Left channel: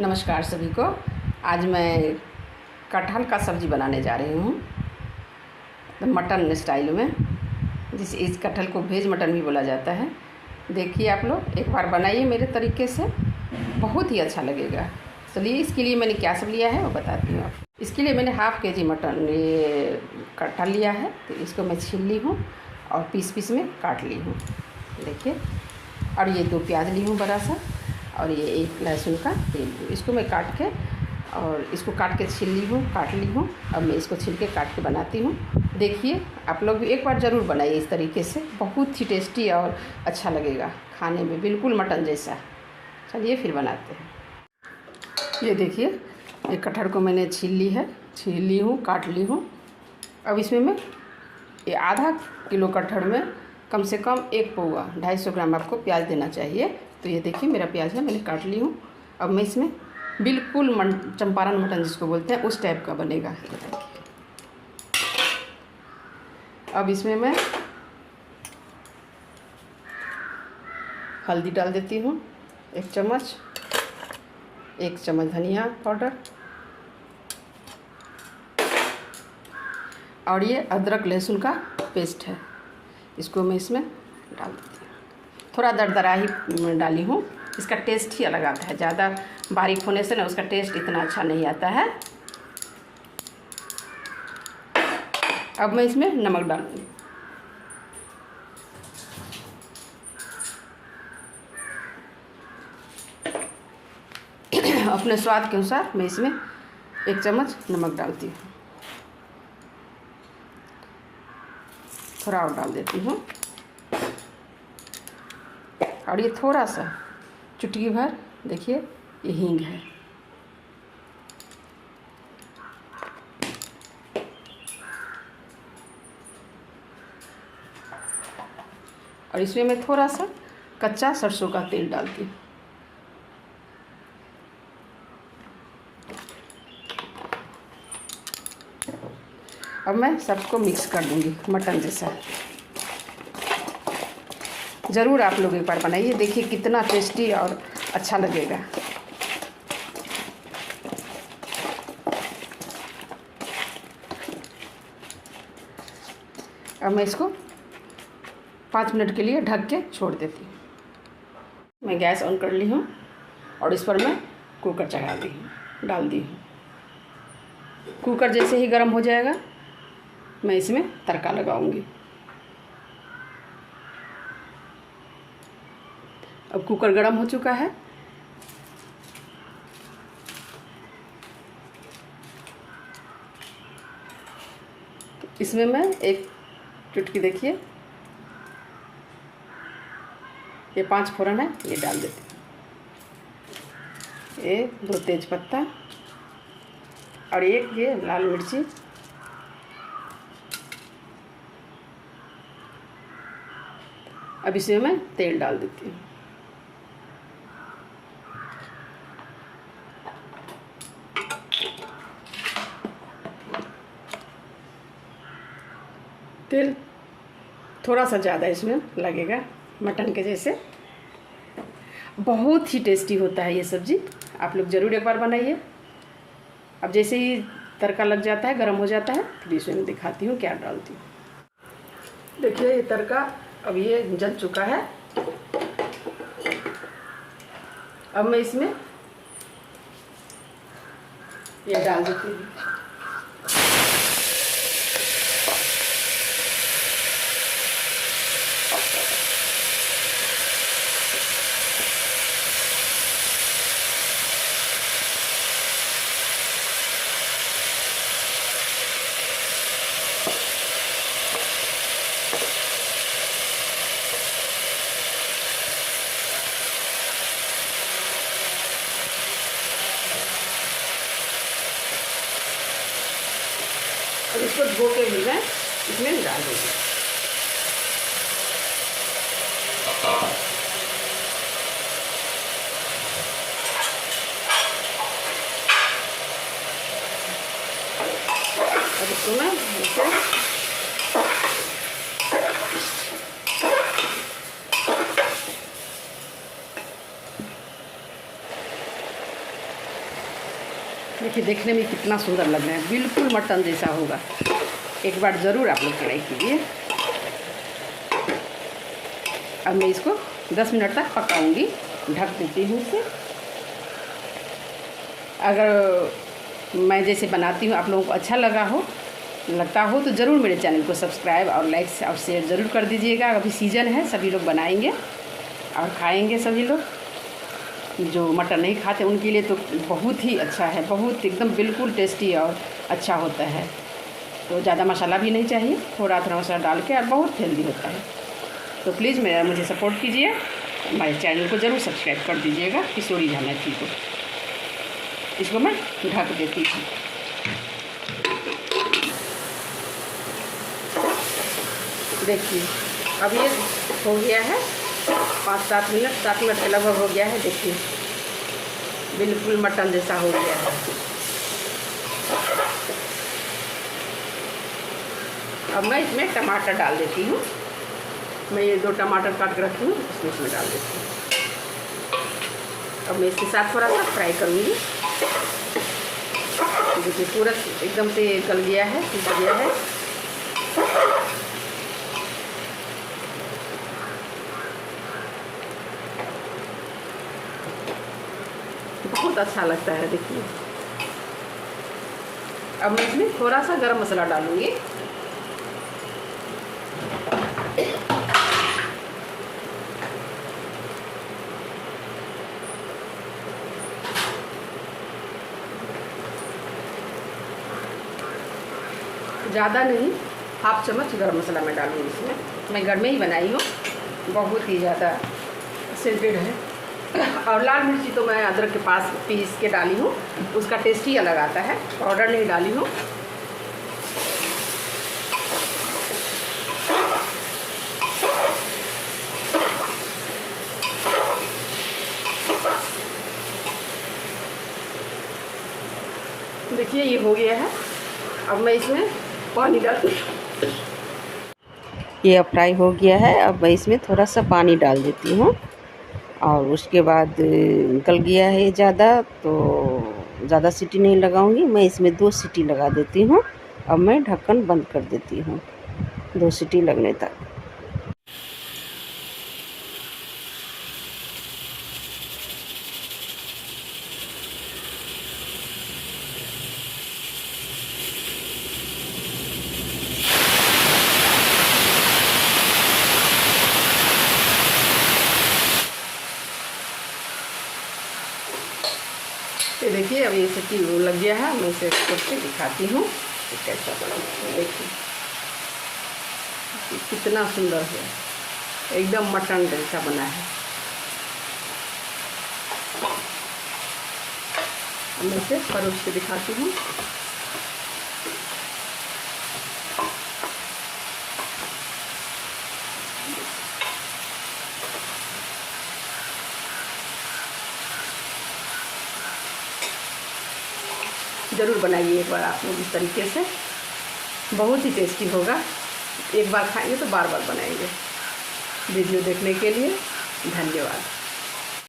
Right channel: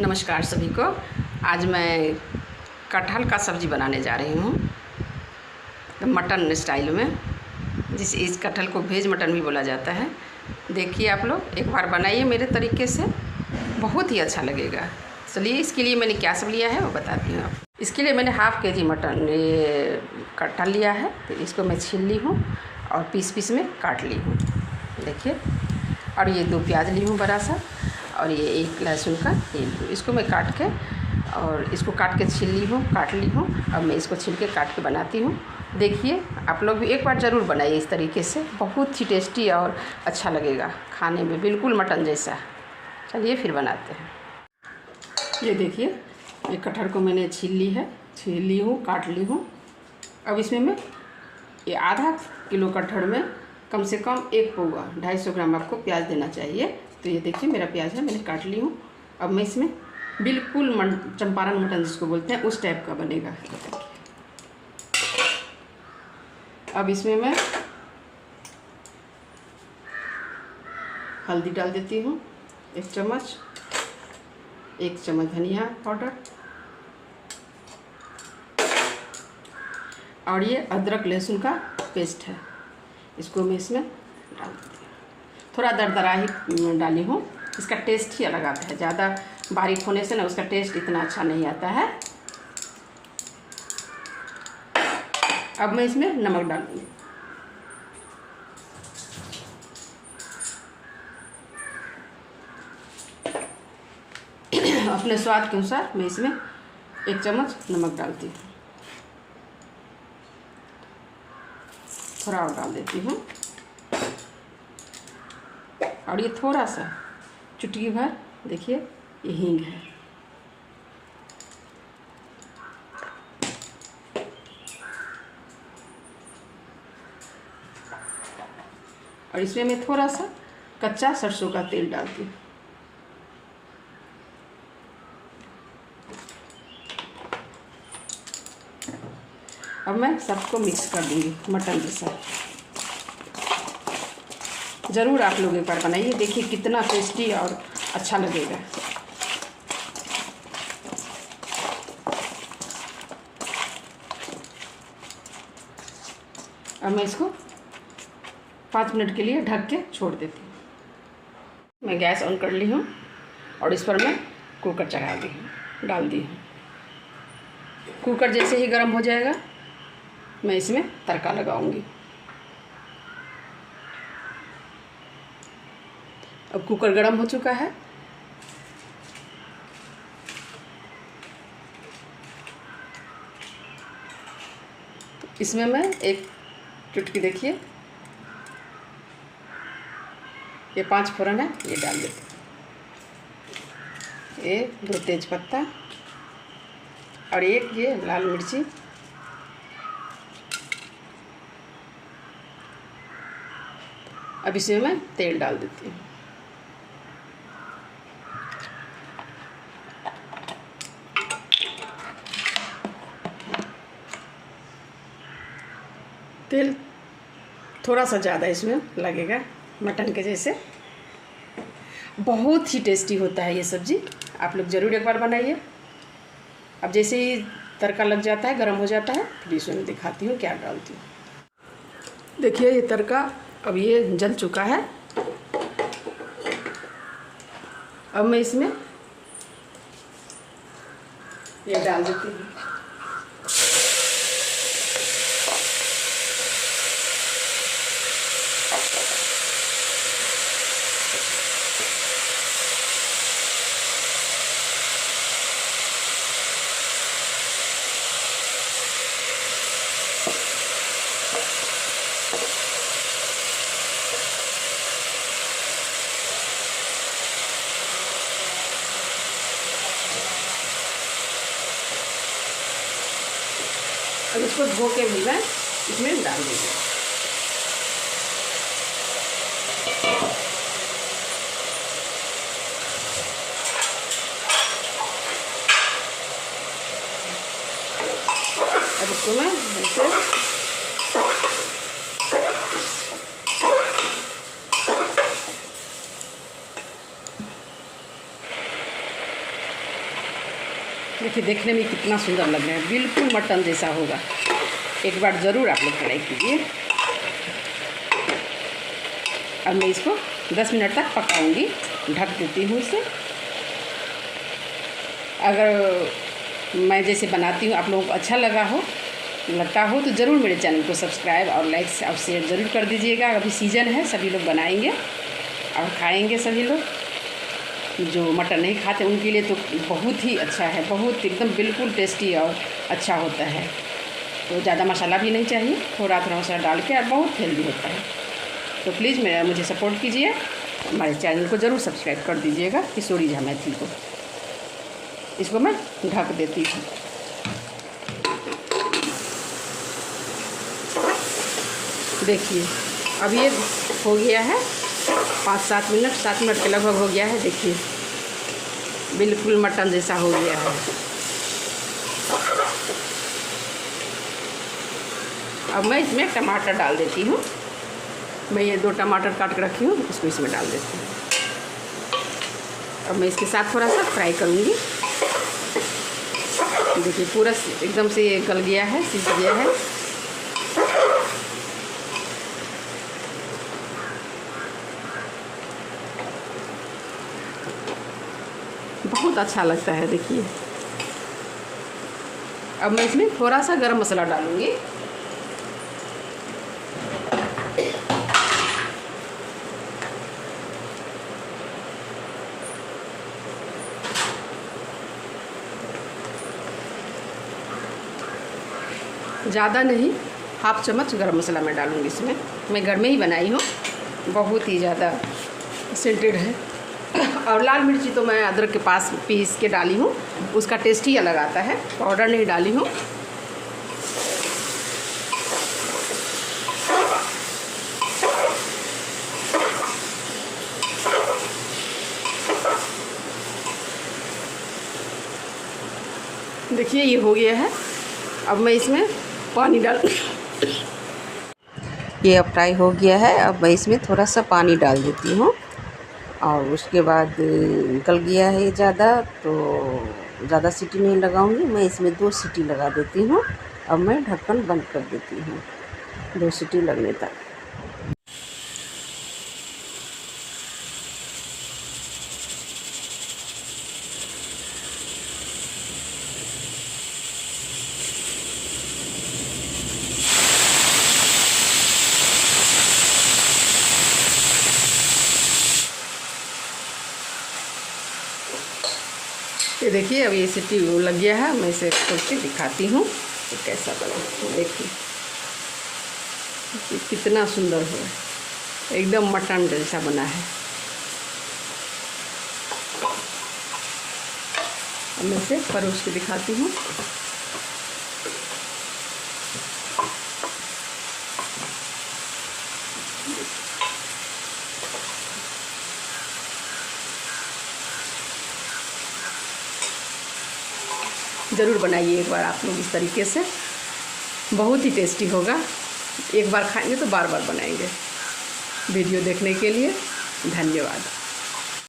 नमस्कार सभी को। आज मैं कटहल का सब्ज़ी बनाने जा रही हूँ मटन स्टाइल में, जिस इस कटहल को वेज मटन भी बोला जाता है। देखिए आप लोग एक बार बनाइए मेरे तरीके से, बहुत ही अच्छा लगेगा। चलिए इसके लिए मैंने क्या सब लिया है वो बताती हूँ आपको। इसके लिए मैंने हाफ़ के जी मटन ये कटहल लिया है, तो इसको मैं छील ली हूँ और पीस पीस में काट ली हूँ। देखिए, और ये 2 प्याज ली हूँ बड़ा सा, और ये 1 लहसुन का तेल। इसको मैं काट के और इसको काट के छील ली हूँ, काट ली हूँ। अब मैं इसको छील के काट के बनाती हूँ। देखिए आप लोग भी एक बार ज़रूर बनाइए इस तरीके से, बहुत ही टेस्टी और अच्छा लगेगा खाने में, बिल्कुल मटन जैसा। चलिए फिर बनाते हैं। ये देखिए, ये कटहल को मैंने छील ली हूँ, काट ली हूँ। अब इसमें मैं ये आधा किलो कटहल में कम से कम 1 पौवा 250 ग्राम आपको प्याज देना चाहिए। तो ये देखिए मेरा प्याज है, मैंने काट ली हूँ। अब मैं इसमें बिल्कुल चंपारण मटन जिसको बोलते हैं उस टाइप का बनेगा। अब इसमें मैं हल्दी डाल देती हूँ 1 चम्मच, 1 चम्मच धनिया पाउडर, और ये अदरक लहसुन का पेस्ट है, इसको मैं इसमें डाल देती हूँ। थोड़ा दरदरा ही डाली हूँ, इसका टेस्ट ही अलग आता है। ज़्यादा बारीक होने से ना उसका टेस्ट इतना अच्छा नहीं आता है। अब मैं इसमें नमक डालूँगी। अपने स्वाद के अनुसार मैं इसमें 1 चम्मच नमक डालती हूँ, थोड़ा और डाल देती हूँ। और ये थोड़ा सा चुटकी भर देखिए ये हींग है। और इसमें मैं थोड़ा सा कच्चा सरसों का तेल डालती हूँ। अब मैं सबको मिक्स कर दूँगी मटन जैसा। ज़रूर आप लोग एक बार बनाइए, देखिए कितना टेस्टी और अच्छा लगेगा। अब मैं इसको 5 मिनट के लिए ढक के छोड़ देती हूँ। मैं गैस ऑन कर ली हूँ और इस पर मैं कुकर चढ़ा दी हूँ, डाल दी हूँ। कुकर जैसे ही गर्म हो जाएगा मैं इसमें तड़का लगाऊंगी। अब कुकर गर्म हो चुका है। तो इसमें मैं 1 चुटकी देखिए ये 5 फोरन है, ये डाल देती हूँ। ये 2 तेज पत्ता और 1 ये लाल मिर्ची। अब इसमें मैं तेल डाल देती हूँ। तेल थोड़ा सा ज़्यादा इसमें लगेगा, मटन के जैसे। बहुत ही टेस्टी होता है ये सब्ज़ी, आप लोग ज़रूर एक बार बनाइए। अब जैसे ही तड़का लग जाता है, गर्म हो जाता है, फिर इसमें मैं दिखाती हूँ क्या डालती हूँ। देखिए ये तड़का अब ये जल चुका है। अब मैं इसमें ये डाल देती हूँ। अब इसको धो के भी मैं इसमें डाल दूँगी। अब इसको मैं ऐसे देखिए देखने में कितना सुंदर लग रहा है, बिल्कुल मटन जैसा होगा। एक बार ज़रूर आप लोग ट्राई कीजिए। अब मैं इसको 10 मिनट तक पकाऊंगी, ढक देती हूँ इसे। अगर मैं जैसे बनाती हूँ आप लोगों को अच्छा लगता हो तो ज़रूर मेरे चैनल को सब्सक्राइब और लाइक और शेयर ज़रूर कर दीजिएगा। अभी सीज़न है, सभी लोग बनाएंगे और खाएंगे सभी लोग। जो मटन नहीं खाते उनके लिए तो बहुत ही अच्छा है, बहुत एकदम बिल्कुल टेस्टी और अच्छा होता है। तो ज़्यादा मसाला भी नहीं चाहिए, थोड़ा थोड़ा मसाला डाल के, और बहुत हेल्दी होता है। तो प्लीज़ मुझे सपोर्ट कीजिए, हमारे चैनल को ज़रूर सब्सक्राइब कर दीजिएगा, किशोरी झा मैथिली को। इसको मैं ढक देती हूँ। देखिए अब ये हो गया है 7 मिनट के लगभग हो गया है। देखिए बिल्कुल मटन जैसा हो गया है। अब मैं इसमें टमाटर डाल देती हूँ। मैं ये 2 टमाटर काट के रखी हूँ, इसमें डाल देती हूँ। अब मैं इसके साथ थोड़ा सा फ्राई करूँगी। देखिए पूरा एकदम से गल गया है, सीज गया है। बहुत अच्छा लगता है। देखिए अब मैं इसमें थोड़ा सा गरम मसाला डालूँगी। ज़्यादा नहीं, 1/2 चम्मच गरम मसाला मैं डालूँगी इसमें। मैं घर में ही बनाई हूँ, बहुत ही ज़्यादा सेंटेड है। और लाल मिर्ची तो मैं अदरक के पास पीस के डाली हूँ, उसका टेस्ट ही अलग आता है, पाउडर नहीं डाली हूँ। देखिए ये हो गया है। अब मैं इसमें पानी डाल, ये अब फ्राई हो गया है। अब मैं इसमें थोड़ा सा पानी डाल देती हूँ, और उसके बाद गल गया है ज़्यादा, तो ज़्यादा सीटी नहीं लगाऊंगी मैं, इसमें 2 सीटी लगा देती हूँ। अब मैं ढक्कन बंद कर देती हूँ 2 सीटी लगने तक। ये देखिए अब ये सीटी लग गया है। मैं इसे करके दिखाती हूँ तो कैसा बना। देखिए कितना सुंदर हुआ है, एकदम मटन जैसा बना है। मैं इसे परोस के दिखाती हूँ। ज़रूर बनाइए एक बार आप लोग इस तरीके से, बहुत ही टेस्टी होगा। एक बार खाएंगे तो बार बार बनाएंगे। वीडियो देखने के लिए धन्यवाद।